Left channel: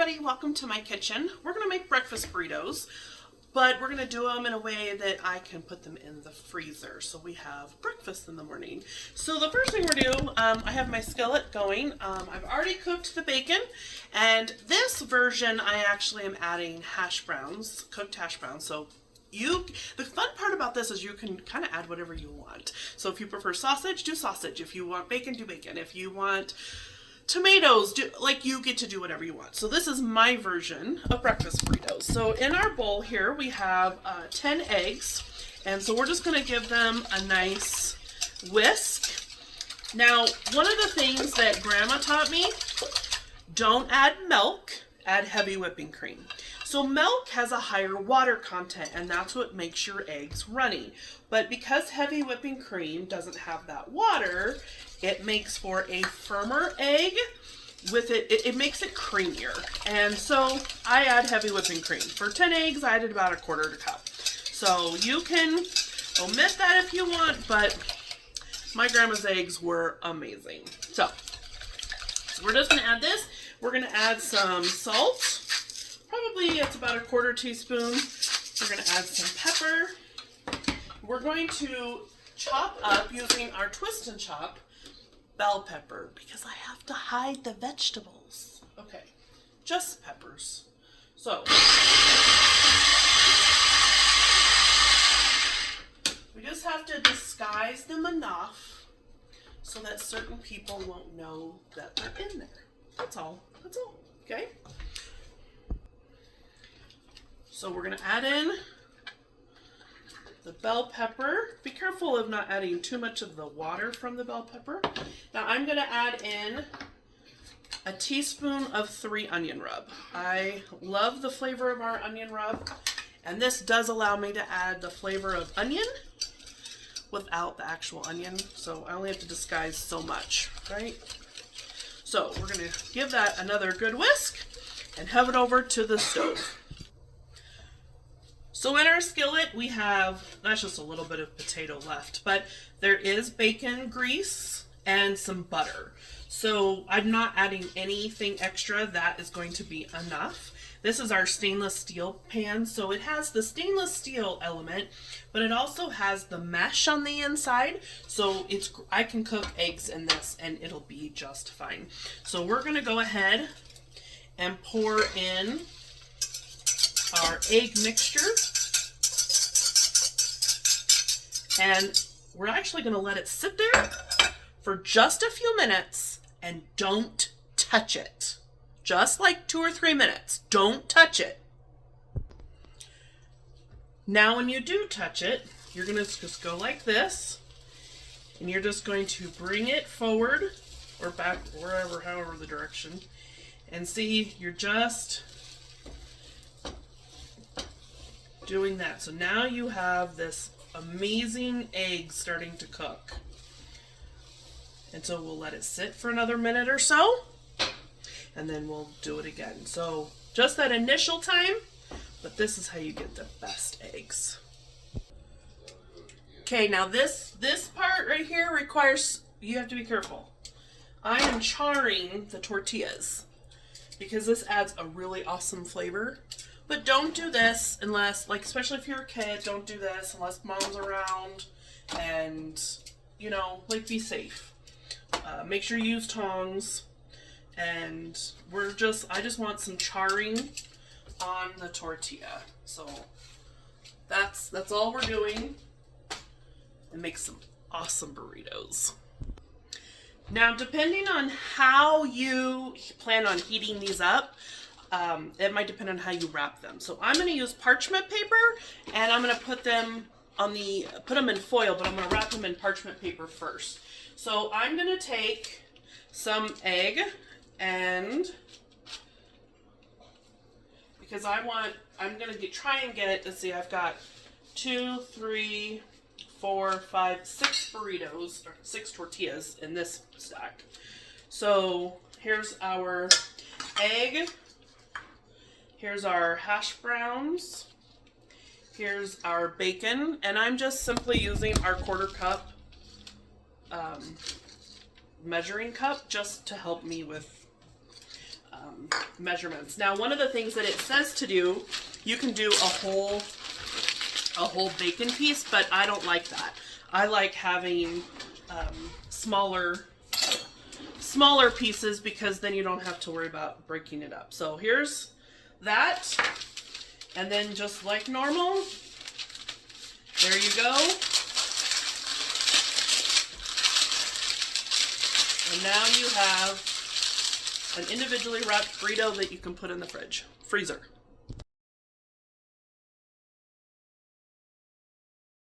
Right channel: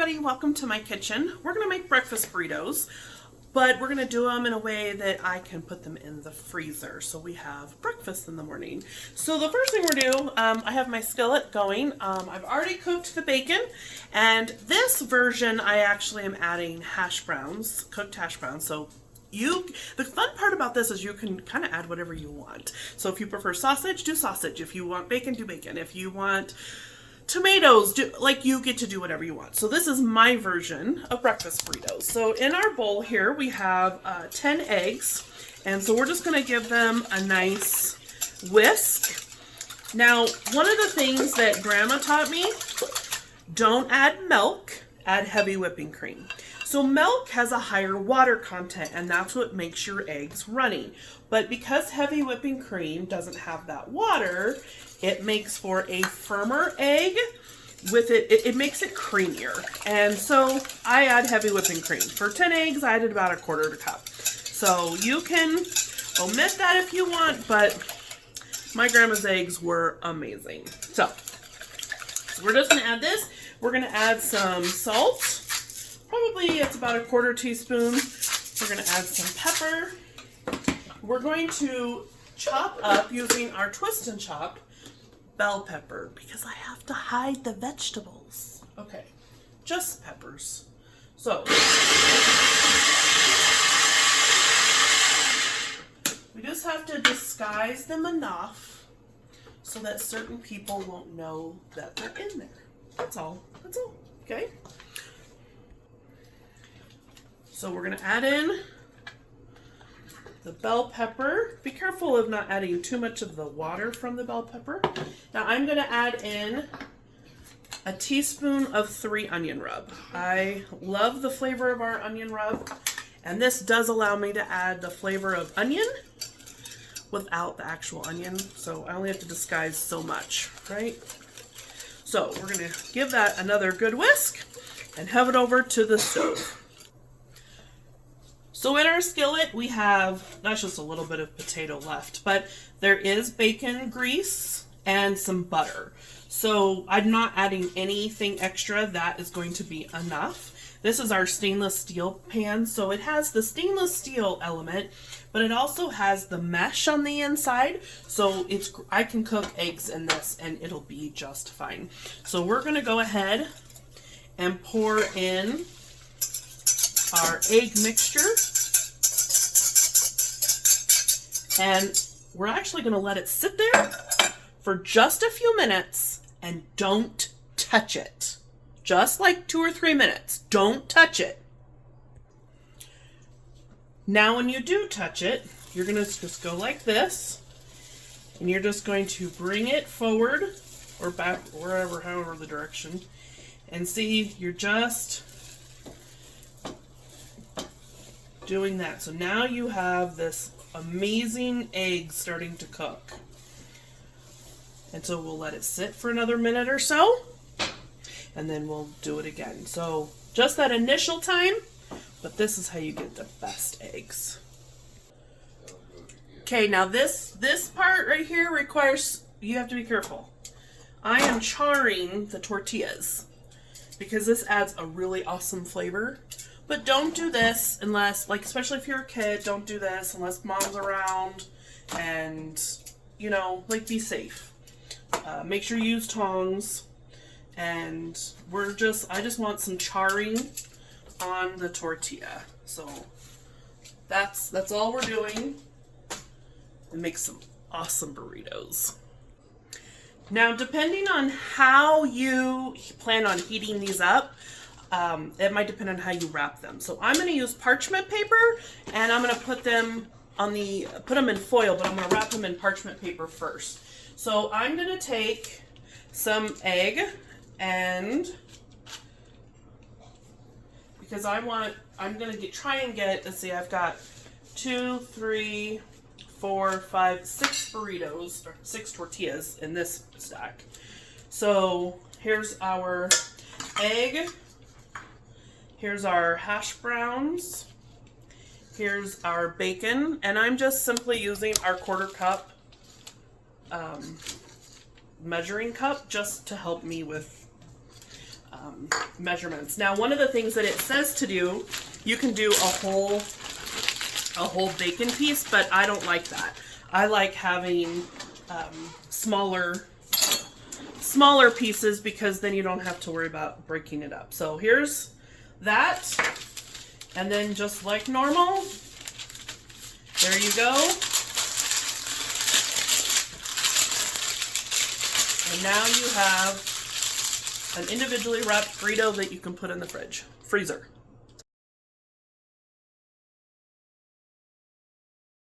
everybody, welcome to my kitchen. We're going to make breakfast burritos, but we're going to do them in a way that I can put them in the freezer so we have breakfast in the morning. So the first thing we're going to do, I have my skillet going. I've already cooked the bacon, and this version I actually am adding hash browns, cooked hash browns. So the fun part about this is you can kind of add whatever you want. So if you prefer sausage, do sausage. If you want bacon, do bacon. If you want tomatoes, you get to do whatever you want. So this is my version of breakfast burritos. So in our bowl here we have 10 eggs, and so we're just going to give them a nice whisk. Now, one of the things that Grandma taught me, don't add milk, add heavy whipping cream. So milk has a higher water content, and that's what makes your eggs runny. But because heavy whipping cream doesn't have that water, it makes for a firmer egg. With it makes it creamier. And so I add heavy whipping cream. For 10 eggs, I added about 1/4 cup. So you can omit that if you want, but my grandma's eggs were amazing. So we're just gonna add this. We're gonna add some salt. Probably it's about 1/4 teaspoon. We're gonna add some pepper. We're going to chop up using our twist and chop bell pepper because I have to hide the vegetables. Okay, just peppers. So we just have to disguise them enough so that certain people won't know that they're in there. That's all. That's all. Okay. So we're gonna add in the bell pepper. Be careful of not adding too much of the water from the bell pepper. Now I'm going to add in a teaspoon of 3 onion rub. I love the flavor of our onion rub, and this does allow me to add the flavor of onion without the actual onion, so I only have to disguise so much, right? So we're going to give that another good whisk and have it over to the stove. So in our skillet, we have, that's just a little bit of potato left, but there is bacon grease and some butter. So I'm not adding anything extra. That is going to be enough. This is our stainless steel pan. So it has the stainless steel element, but it also has the mesh on the inside. So I can cook eggs in this and it'll be just fine. So we're going to go ahead and pour in our egg mixture, and we're actually going to let it sit there for just a few minutes and don't touch it. Just like 2 or 3 minutes. Don't touch it. Now when you do touch it, you're going to just go like this, and you're just going to bring it forward or back, wherever, however the direction, and see, you're just doing that. So now you have this amazing egg starting to cook. And so we'll let it sit for another minute or so, and then we'll do it again. So just that initial time, but this is how you get the best eggs. Okay, now this part right here requires, you have to be careful. I am charring the tortillas because this adds a really awesome flavor. But don't do this unless, especially if you're a kid, don't do this unless mom's around, and, be safe. Make sure you use tongs, and I just want some charring on the tortilla. So that's all we're doing, and make some awesome burritos. Now, depending on how you plan on heating these up, it might depend on how you wrap them. So I'm going to use parchment paper, and I'm going to put them in foil, but I'm going to wrap them in parchment paper first. So I'm going to take some egg, and because I'm going to try and get, let's see, I've got 2, 3, 4, 5, 6 burritos, or 6 tortillas in this stack. So here's our egg. Here's our hash browns. Here's our bacon, and I'm just simply using our 1/4 cup measuring cup just to help me with measurements. Now, one of the things that it says to do, you can do a whole bacon piece, but I don't like that. I like having smaller pieces because then you don't have to worry about breaking it up. So here's that, and then just like normal, there you go. And now you have an individually wrapped burrito that you can put in the freezer.